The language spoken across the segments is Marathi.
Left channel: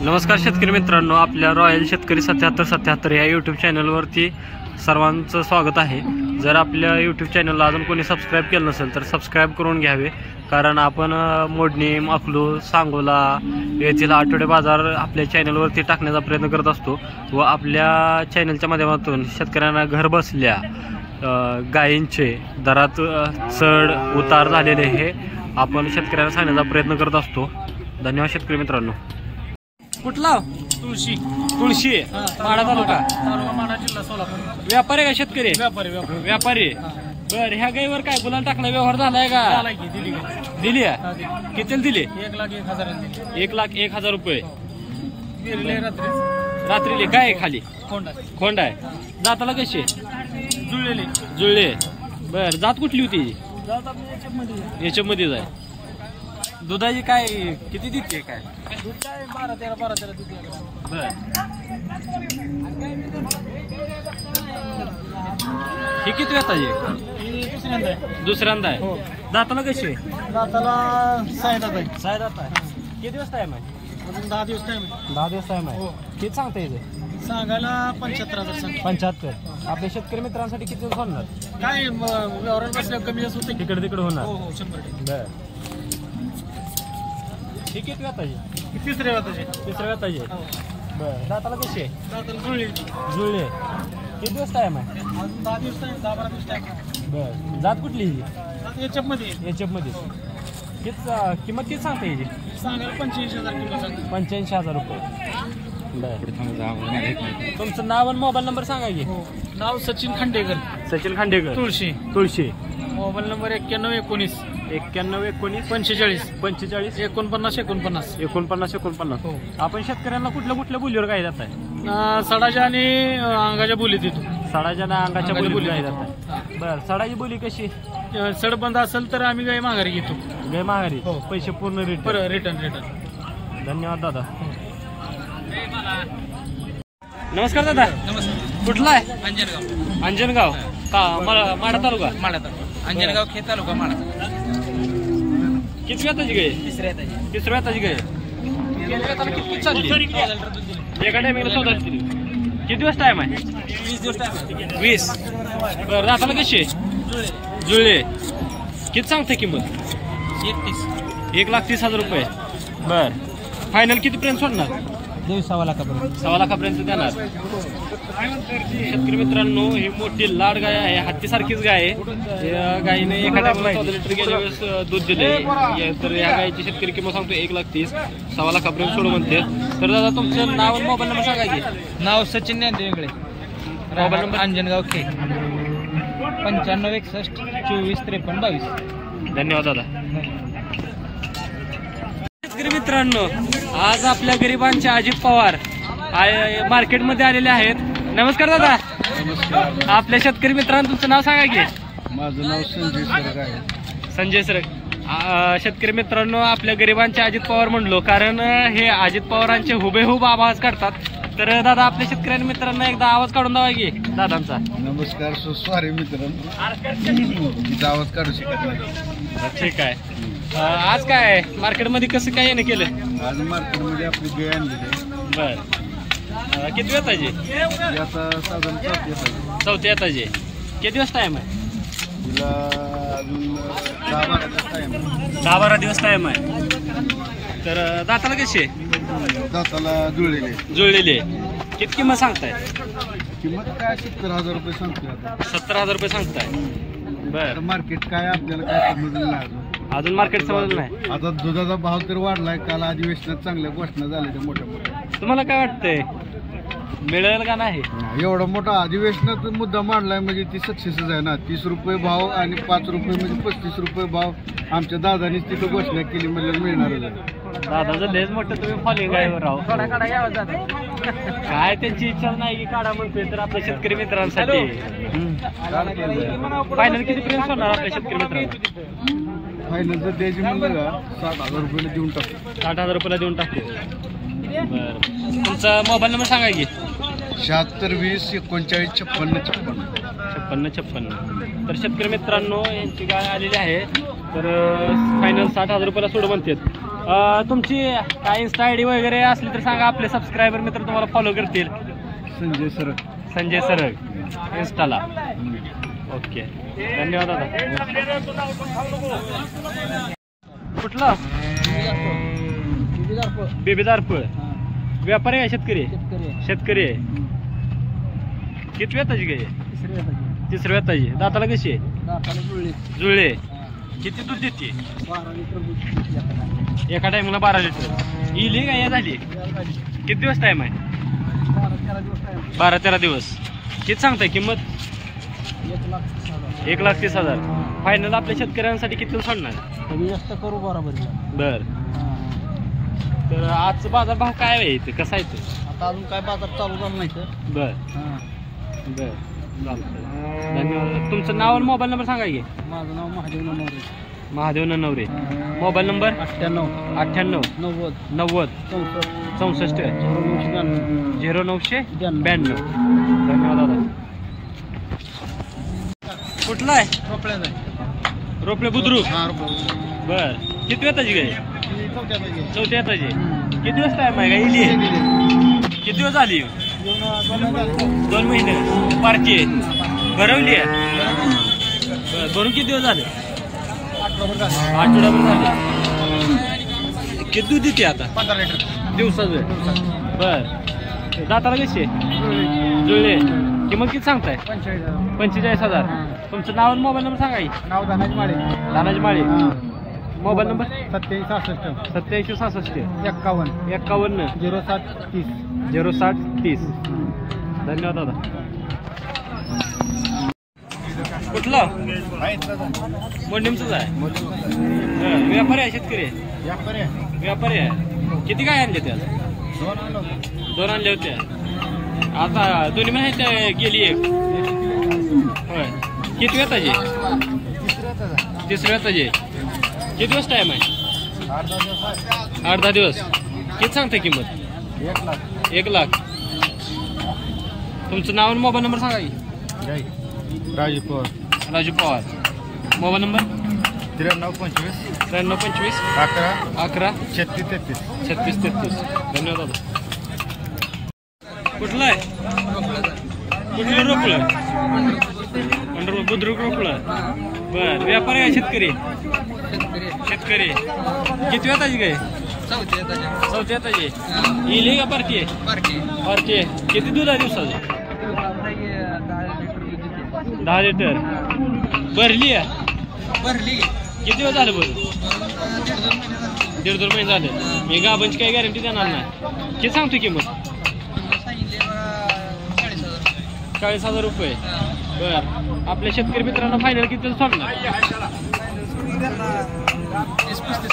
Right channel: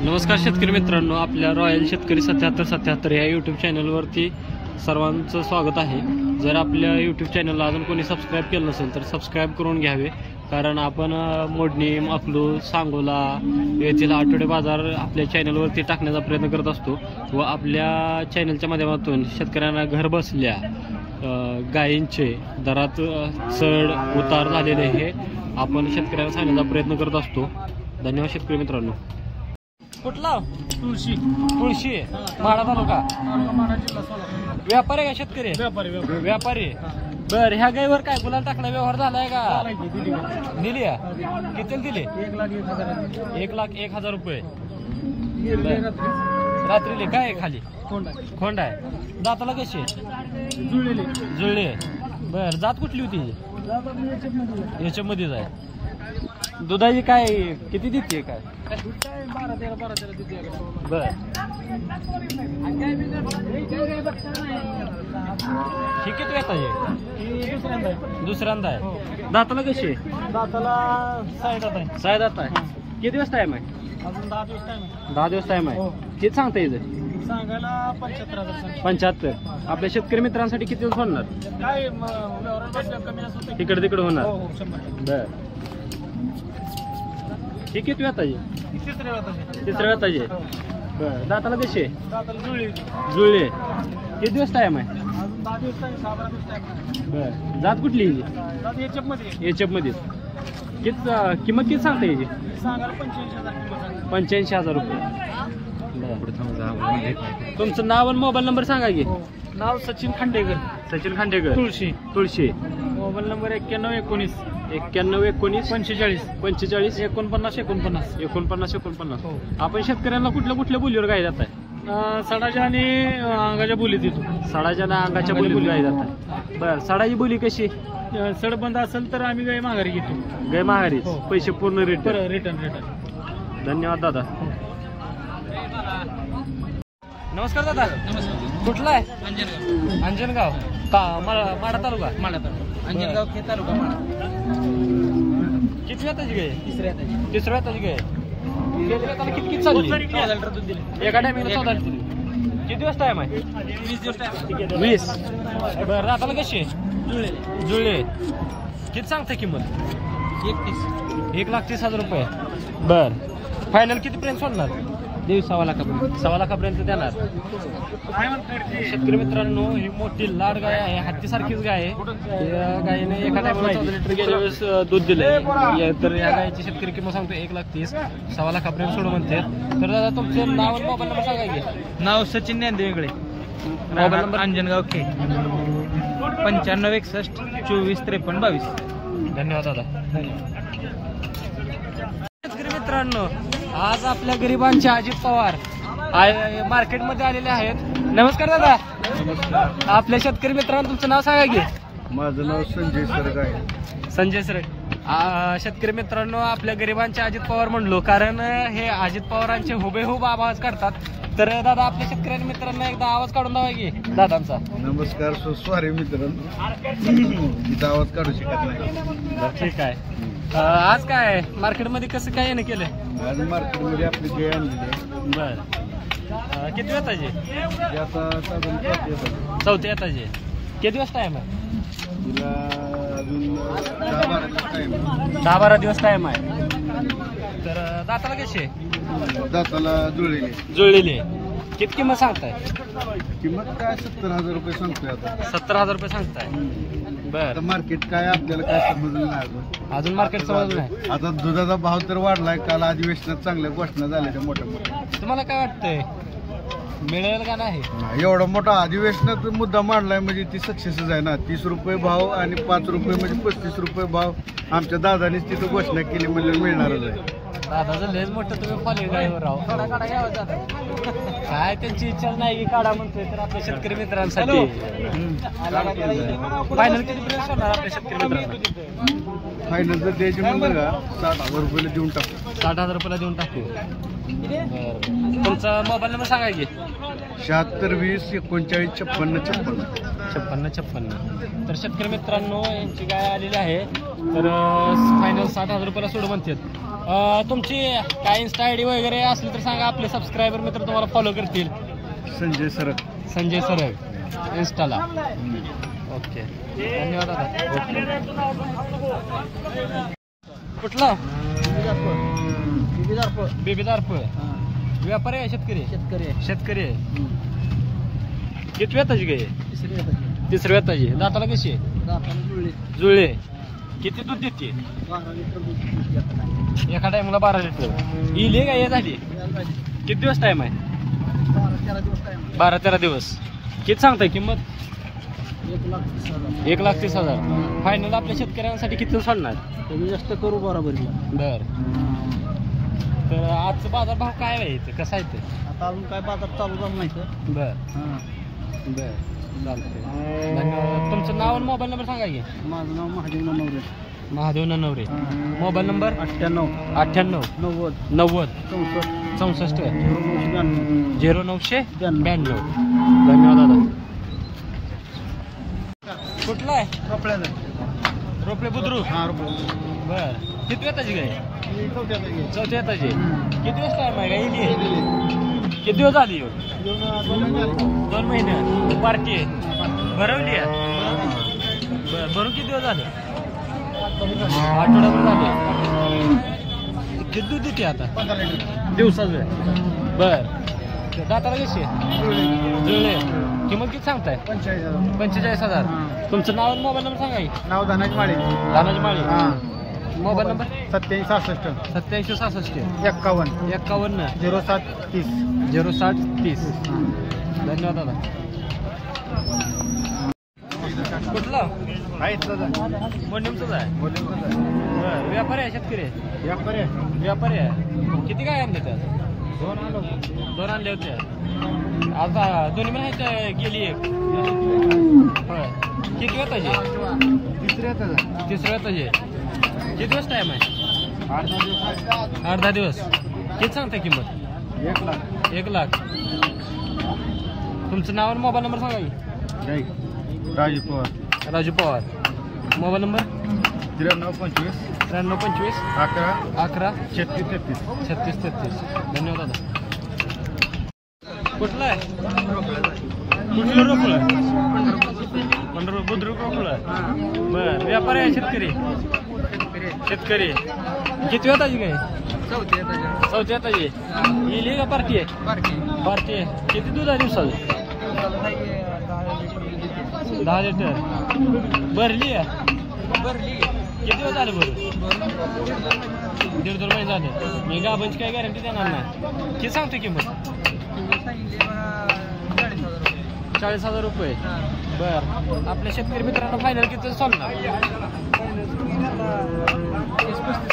नमस्कार शेतकरी मित्रांनो, आपल्या रॉयल शेतकरी 7777 या यूट्यूब चॅनलवरती सर्वांचं स्वागत आहे। जर आपल्या यूट्यूब चॅनलला अजून कोणी सबस्क्राईब केलं नसेल तर सबस्क्राईब करून घ्यावे, कारण आपण मोडणी, अकलूज, सांगोला येथील आठवडे बाजार आपल्या चॅनलवरती टाकण्याचा प्रयत्न करत असतो व आपल्या चॅनलच्या माध्यमातून शेतकऱ्यांना घर बसल्या गायींचे दरात चढ उतार झालेले हे आपण शेतकऱ्यांना सांगण्याचा प्रयत्न करत असतो। धन्यवाद शेतकरी मित्रांनो। कुठला? तुळशी माढा तालुका माढा जिल्हा सोलापूर। व्यापारी का शेतकरी? व्यापारी। बर, ह्या गायीवर काय गुलाल टाकला व्यवहार झालाय का? दिली आहे। किती दिली? 1,01,000 रुपये रात्रीले। काय खाली? खोंड आहे। जाताला कशी? जुळले। बर, जात कुठली होती? याच्या मध्ये जाय। दुधाची काय किती देते? काय 12-13 देते। बर, ही किती वेताची? दुसऱ्यांदा आहे। दाताला कशी? दाताला 6 दात आहे। 6 दात आहे। किती दिवस टाइम आहे? अजून 10 दिवस टाइम। 10 दिवस टाइम आहे। किती सांगता यायचं? सांगायला 75,000 सांग। 75। आपल्या शेतकरी मित्रांसाठी किती दिवस होणार? काय व्यवहार बसल्या कमी जास्त होते, तिकडे तिकडे होणार। हो 100%। बर, ही किती वेताची? तिसऱ्या वेताची। बर, दाताला कशी? दाताला जुळले। किती दिवस टाइम आहे? अजून 10 दिवस टाइम, 10-12 दिवस टाइम। बर, जात कुठली ही? दात याच्यात मध्ये किती किंमत किती सांगता याची? सांगायला 85,000 किंमत सांगतो। 85,000 रुपये। तुमचं नाव आणि मोबाईल नंबर सांगा की। नाव सचिन खांडेकर, सचिन खांडेकर, तुळशी। मोबाईल नंबर 9119 45 45 49 हो। आपण शेतकऱ्यांना कुठल्या बोलीवर काय जात आहे? सडाच्या आणि अंगाच्या बोलीत येतो। सडाच्या ना अंगाच्या बोली काय जातात? बर, सडाची बोली कशी? सड बंद असेल तर आम्ही गाय माघारी घेतो। गाय माघारी? हो। पैसे पूर्ण रिटर्न। धन्यवाद दादा। नमस्कार दादा। नमस्कार। कुठला आहे? अंजनगाव माढा तालुका। अंजनगाव खेड तालुका माढा। किती वेताची गाय? तिसऱ्या वेताची गाय। किती चालली? एका टायमिंगला 14 दिली। किती दिवस टाइम आहे? 20 दिवस टाइम। 20। बरं, दाताला कशी? जुळले। किती सांगते किंमत? 1,30,000 रुपये। बर, फायनल किती पर्यंत सोडणार? 1.25 लाखापर्यंत। 1.25 लाखापर्यंत देणार। शेतकरी मित्रांनो, ही मोठी लाड गाय आहे, हत्तीसारखीच गाय आहे। या गायीने एका टायमाला 14 लिटर गेल्या वेळेस दूध दिले। तर या गायीची शेतकरी किंमत सांगतो 1,30,000, 1.25 लाखापर्यंत सोडू म्हणते। तर दादा तुमचं नाव मोबाईल नंबर सांगा की। नाव सचिन ज्ञानदेव, राहणार अंजनगाव खेड। 95 61 24 53 22। धन्यवाद दादा। शेतकरी मित्रांनो, आज आपल्या गरिबांचे अजित पवार मार्केटमध्ये आलेले आहेत। नमस्कार दादा। नमस्कार। आपल्या शेतकरी मित्रांनो तुमचं नाव सांगा की। माझं नाव संजय सरग आहे। संजय सर। शेतकरी मित्रांनो, आपल्या गरिबांचे अजित पवार म्हणलो कारण हे अजित पवारांचे हुबेहूब आवाज काढतात। तर दादा, आपल्या शेतकरी मित्रांना एकदा आवाज काढून द्यावा की दादांचा। नमस्कार। सॉरी मित्रांनो, इथं आवाज काढू शकत नाही। ठीक आहे। आज काय मार्केटमध्ये कसं काय येणं केलं? आज मार्केटमध्ये आपली गाय आणलेली आहे। बर, किती वेताची? आता साधारण 4थी वेताची। किती दिवस टाइम आहे? तिला अजून 10-12 दिवस टाइम आहे। तर दाताला कशी आहे? दाताला जुळलेली। किती किंमत सांगताय? किंमत काय 70,000 रुपये सांगतोय आता। 70,000 रुपये सांगताय। बर, मार्केट काय आपल्याला काय समजलं नाही अजून मार्केट समजलं नाही। आता दुधाचा भाव तर वाढलाय, काल अधिवेशनात चांगल्या घोषणा झाल्या त्या मोठ्या। तुम्हाला काय वाटतंय, मिळेल का नाही? एवढा मोठा अधिवेशनात मुद्दा मांडलाय म्हणजे ती सक्सेसच आहे ना। 30 रुपये भाव आणि 5 रुपये म्हणजे 35 रुपये भाव आमच्या दादानी तिथं घोषणा केली म्हणजे मिळणारच आहे। दादाचं लेज मोठं तुम्ही फॉलोइंग आहे राव। काय त्यांची इच्छा नाही की काढा म्हणतोय, तर आपल्या शेतकरी मित्रांसाठी फायनल किती पर्यंत सोडणार आपल्या शेतकरी मित्रांना? फायनल जर द्यायची म्हणलं का 60,000 रुपयाला देऊन टाकू। 60,000 रुपयाला देऊन टाकू। बरं, तुमचा मोबाईल नंबर सांगा की। 76 20 39 56 56. तर शेतकरी मित्रांनो, यांची गाय आलेली आहे, तर फायनल 60,000 रुपयाला सोड म्हणतात। तुमची काय इन्स्टा आय डी वगैरे असली तर सांगा, आपले सबस्क्रायबर मित्र तुम्हाला फॉलो करतील. संजय सरक. संजय सरक इन्स्टाला. ओके, धन्यवाद दादा. कुठलं? बेबीदारपूर. व्यापारी आहे शेतकरी? शेतकरी आहे. किती वेताची गाय? तिसऱ्या वेताची. दाताला कशी आहे? जुळले. किती दूध देते? एका टायमाला 12 लिटर. इले गाय झाली. किती दिवस टाइम आहे? 12-13 दिवस. किती सांगताय किंमत? 1,30,000. फायनल आपल्या शेतकऱ्यांसाठी किती सोडणार? कमी जास्त करू बरोबर. बर. तर आजचा बाजार भाव काय आहे ते, कसा आहे ते? आता अजून काय बाजार चालू झाला नाही तर. बर. हां बर, धन्यवाद. तुमचं नाव आणि मोबाईल नंबर सांगा की. माझं नाव महादेव नवरे. महादेव नवरे. Mobile number 98 98 90 90 64 64 0992. धन्यवाद दादा. कुठला आहे? रोपड्याचा आहे. रोपले बुद्रुक. हां रोपडा. बर. किती वेताची गाय? चौथ्याचा आहे. चौथ्या येताची. किती दिवस टाइम आहे का? इली किती दिवस झाली? 2 महिने. पार्टी भरवली आहे. भरून किती दिवस झाले? आठवड्याभर झाले. किती दूध देते आता? 15 लिटर दिवसाचं. बर. दाताला कशी? जुळले. किंमत किती सांगताय? 45,000. तुमचं नाव आणि मोबाईल नंबर सांगा की. नाव धनाजी माळे. धनाजी माळे. हां. Mobile number 8766 8766 51 51 0730 0730. धन्यवाद दादा. कुठलं? मोडीमचंच आहे. बरं. व्यापारी आहे शेतकरी? व्यापारी आहे. किती काय आणले त्या? 2 आणले होते. आता दोन्ही महिने गेली एक. होय. किती वेताची? तिसऱ्या वेताची. किती दिवस टाइम आहे? 8-10 दिवस. किती सांगते किंमत? 1,00,000. तुमचं नाव आणि मोबाईल नंबर सांगा की. राजू पवार. राजू पवार. Mobile number 9325 9325 11 11 36 33. 3633. धन्यवाद दादा. कुठलं आहे? कुठलं रोपलं? बुद्रुक रोपलं. बर. व्यापारी आहे शेतकरी? शेतकरी. किती वेताची काय? चौथ्या येताची. इली का पार्टी आहे? पार्टी आहे. किती दूध आहे दिवसाची? 10 लिटर. भरली आहे? किती दिवस झाले भरून? 1.5-2 महिने झाले. मी गाभांची काही गॅरंटी देणार नाही. किती सांगतो किंमत? 40,000 रुपये. बर. आपल्या शेतकरी मित्रांना फायनल किती सोडणार? 30-35.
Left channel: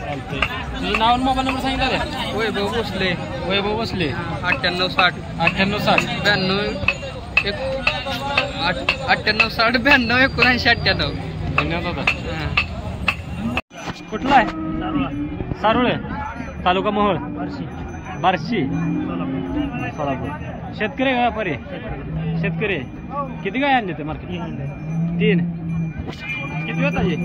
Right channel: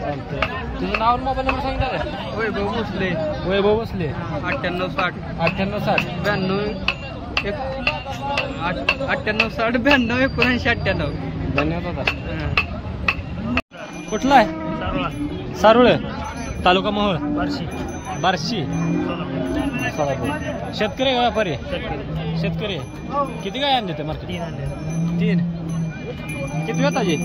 चालतंय. तुझं नाव आणि मोबाईल नंबर सांगितलं रे? वैभव भोसले. वैभव बसले. 9860 9860 9860 92 79 98. धन्यवाद दादा. कुठलं आहे? सारुळे. तालुका मोहोळ. बार्शी. शेतकरी आहे का व्यापारी? शेतकरी. किती काय आणले ते मार्केट? 3. किती वेताची?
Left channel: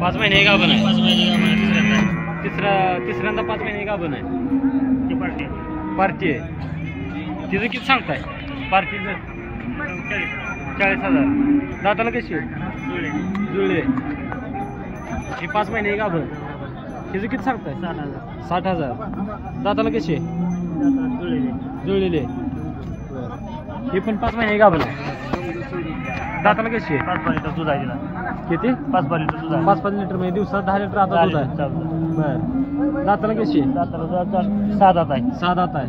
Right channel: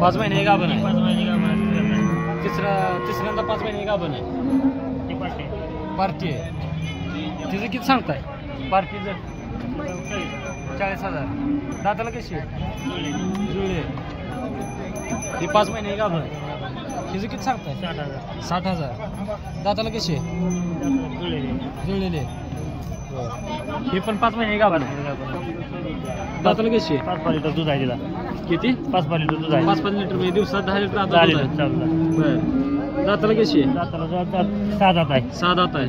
5 महिने गाभण आहे. तिसऱ्यांदा 5 महिने गाभण आहे. पार्टी आहे. तिचं किती सांगताय? पार्टीचं 40,000. दाताला कशी? जुळले. ही 5 महिने गाभण. तिचं किती सांगताय? 60,000. दाताला कशी? जुळलेले. ही पण 5 महिने गाभण आहे. दाताला कशी? 5 लिटर दूध आहे तिला. किती? 5 लिटर दूध आहे. 5 लिटर म्हणजे दिवसात 10 लिटर आता दूध आहे. बर. दाताला कशी? 6 दात आहे. 6 दात आहे.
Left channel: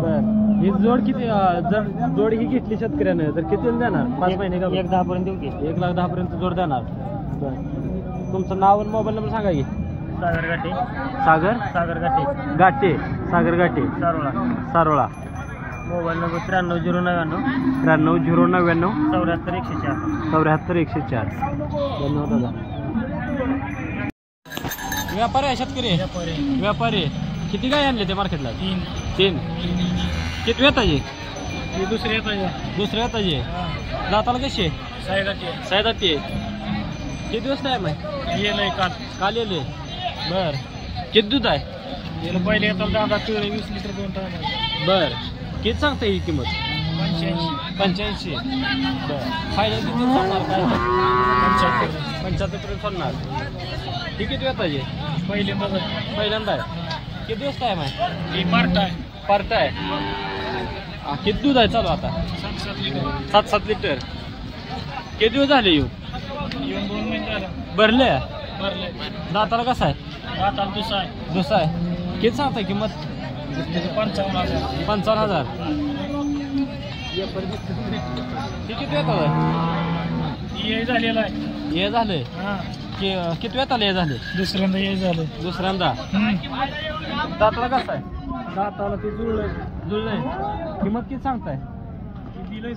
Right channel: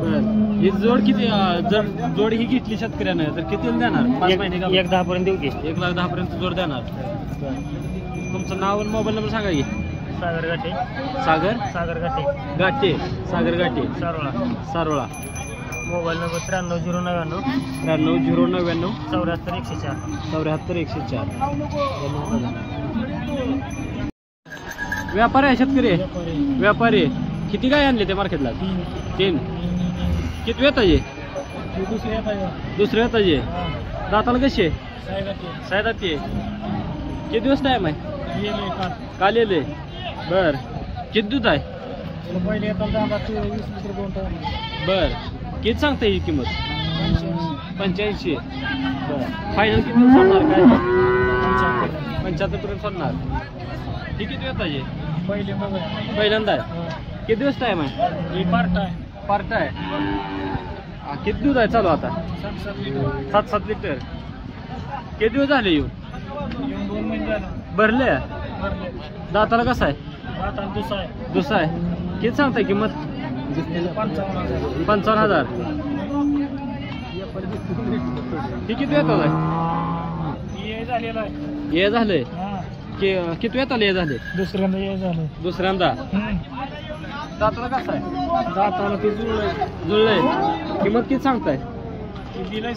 बर. ही जोड किती? जर जोड ही घेतली शेतकऱ्यानं तर किती देणार? 5 महिने का? 1,10 पर्यंत देऊ की. 1,10 पर्यंत जोड देणार. बर. तुमचं नाव आणि मोबाईल नंबर सांगा की. सागर गाठे. सागर गाठे. गाठे. सागर गाठे. सारोळा. Mobile number 93 099 74 104. धन्यवाद. व्यापारी आहे शेतकरी? व्यापारी. किती काय आणले ते मार्केटला? 3. किती वेताचे? दुसऱ्या येताचे. दाताला कशी? 6 किती दिवस टाइम आहे? गेलंय काल काल येले बर किती दूध आहे गेलं पहिले येताना 20 लिटर 2 टाइम बर किती सांगता ही किंमत 85 बर फायनल किती सोडणार काय 75 पर्यंत सोडणार ही किती वेताचे पहिल्यांदा आहे किती दिवस टाईम आहे पार्ट आहे किती दूध आहे चालू आता 7 लिटर किती दिवस झाले येऊन 2 महिने झाले भरले दाताला कसं आहे दाताला दुसरा आहे किती सांगताय किंमत 55,000 ही किती वेळ आहे हे झालंय किती वेळ आले झाले दुसऱ्यांदा दाताला कसं आहे जुळलंय किंमत किती सांगताय दिलाय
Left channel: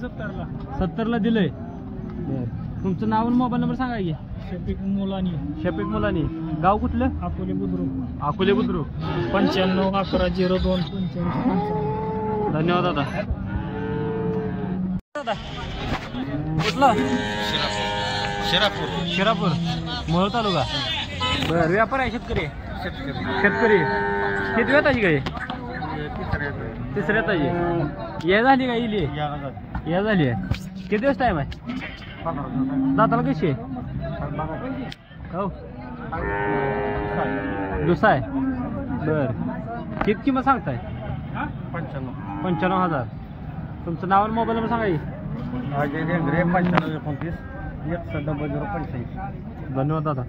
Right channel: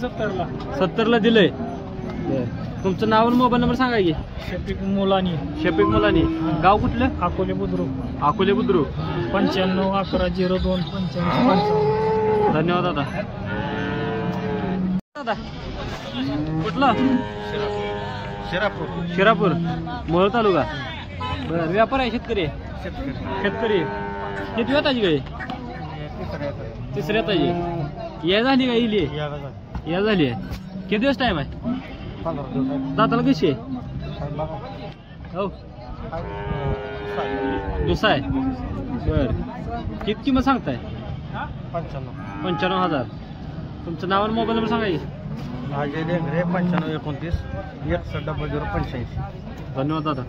70ला दिलंय तुमचं नाव आणि मोबाईल नंबर सांगा की शफिक मुलानी गाव कुठलं अकोले बुद्रुक 95 11 02 55 धन्यवाद दादा कुठलं शिरापूर मोहोळ तालुका बरं व्यापार आहे शेतकरी किती वेळ ताजी काय तिसऱ्या ताजी या झाली का इली या झाली आहे किती दिवस टाईम आहे दाताला कशी आहे हो दुसरा आहे बर किती किंमत सांगताय 95,000 तुमचं नाव आणि मोबाईल नंबर सांगा की 95 29 1 085 धन्यवाद दादा